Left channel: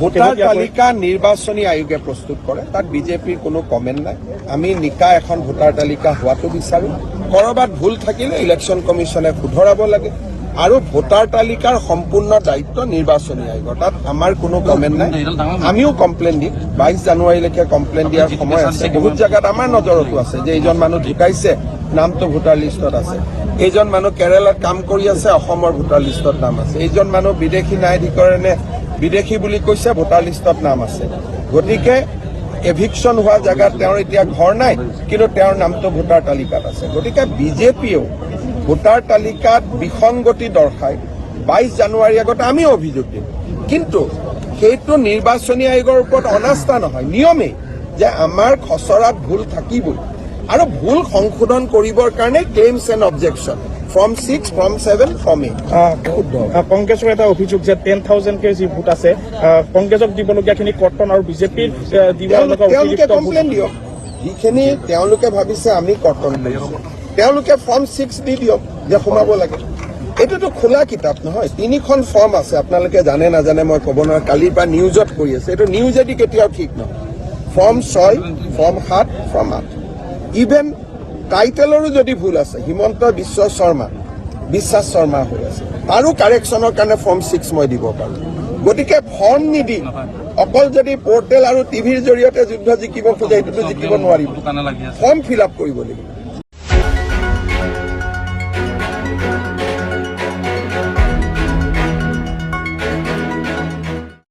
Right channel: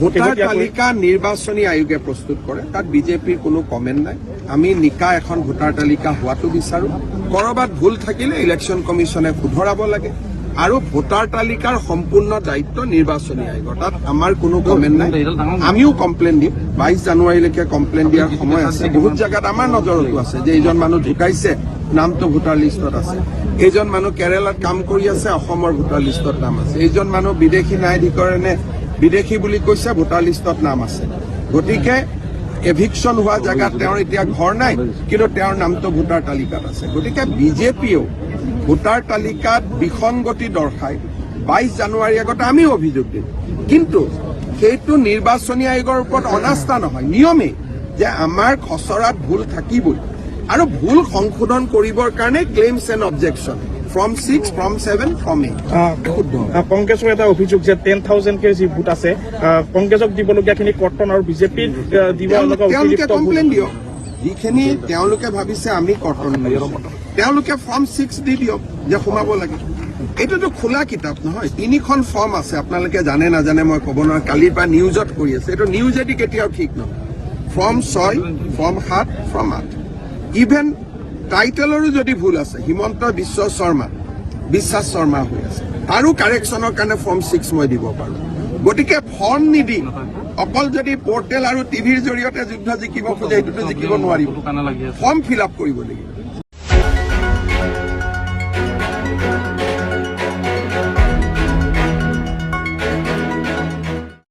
Voter তালিকা নিৰ্বাচনী আয়োগে প্ৰস্তুত কৰে, তাত বিজেপিৰ কোনো কমেণ্ট নাই। আমি নিকা এখন ভোটাৰ তালিকা হোৱাটো বিচাৰোঁ। ক'ৰবাত ভুল থাকিলে ইলেকশ্যন কমিশ্যনে শুধৰাব লাগে আৰু ভোটাৰ তালিকাৰ সম্পূৰ্ণ দায়িত্ব নিৰ্বাচনী আয়োগৰ, তাত আমাৰ কোনো কমেণ্ট নাই। আমিও কমপ্লেইন দিম, 22 জানুৱাৰীলৈকে কমপ্লেইন দিয়াৰ সময় আছে। বহুত জেগাত আমাৰ নজৰতো আছে যে এইজন মানুহ ঢুকাইছে, নামটো ভোটাৰ লিষ্টত আছে। এইজন মানুহ কেৰালাত কাম কৰি আছে, অসমৰ ভোটাৰ লিষ্টত নাম আছে। এইজন মানুহ বিদেশী ন্যায়াধিকৰণে বিদেশী বুলি কৈছে, ভোটাৰ লিষ্টত নাম আছে। গতিকে এভিকশ্যন হোৱা জেগাত তেওঁৰ এতিয়া ঘৰ নাই, কিন্তু তেওঁৰ নামটো ভোটাৰ তালিকাত আছে। গতিকে বিজেপিয়েও ভোটাৰ তালিকাত বিসংগতি দৰ্শাই 22 জানুৱাৰীৰ আগতে আমিও অভিযোগ দিম, কিন্তু সেইটো নিৰ্বাচনী আয়োগৰ ওপৰত অনাস্থা নহয়, নিয়মেই যে আমাৰ খচৰাত ভুল থাকিবই আৰু ভুল সংশোধন কৰিবৰ কাৰণে claims and objection from 6, from 7, from 8. কংগ্ৰেছৰ এটা অভিযোগ যে 10,000 যি ভোট আছে কংগ্ৰেছক দিবলগীয়াখিনি কৰ্তন আৰু বিজেপিৰ দিব লগা তেওঁলোকে কমপ্লেইন দিয়ক। যিখিনি তেওঁলোকে ভাবিছে আমি কৰ্তন কৰিম, তেওঁলোকে ফৰ্ম 6 দি দিয়ক যে সোমাব লাগে। এইটোতো খোলা কিতাপ নহয়, 3খন ফৰ্ম আছে। আপোনালোকে জানে নাজানে মই ক'ব নোৱাৰো, কালিৰ পৰা নিউজত কৰি আছে। এইটো নিউজেদি কেতিয়াও ঠিক নহয়। ফৰ্ম 6, ফৰ্ম 7, ফৰ্ম 8, ইভেন টাইটেলৰো যদি ভুল আছে, হিমন্ত বিশ্বাস শৰ্মা হৈ আছে, তাৰো কাৰেকশ্যনৰ কাৰণে ফৰ্ম 6 মই দিব পাৰোঁ। গতিকে ফৰ্ম নিদি অকল যদি পৰ্টেল আৰু টিভিৰ জৰিয়তে যুদ্ধ জিকিব খোজে, সেইটোতো জিকিব নোৱাৰিব। ফৰ্ম ফিল আপ কৰিব লাগিব।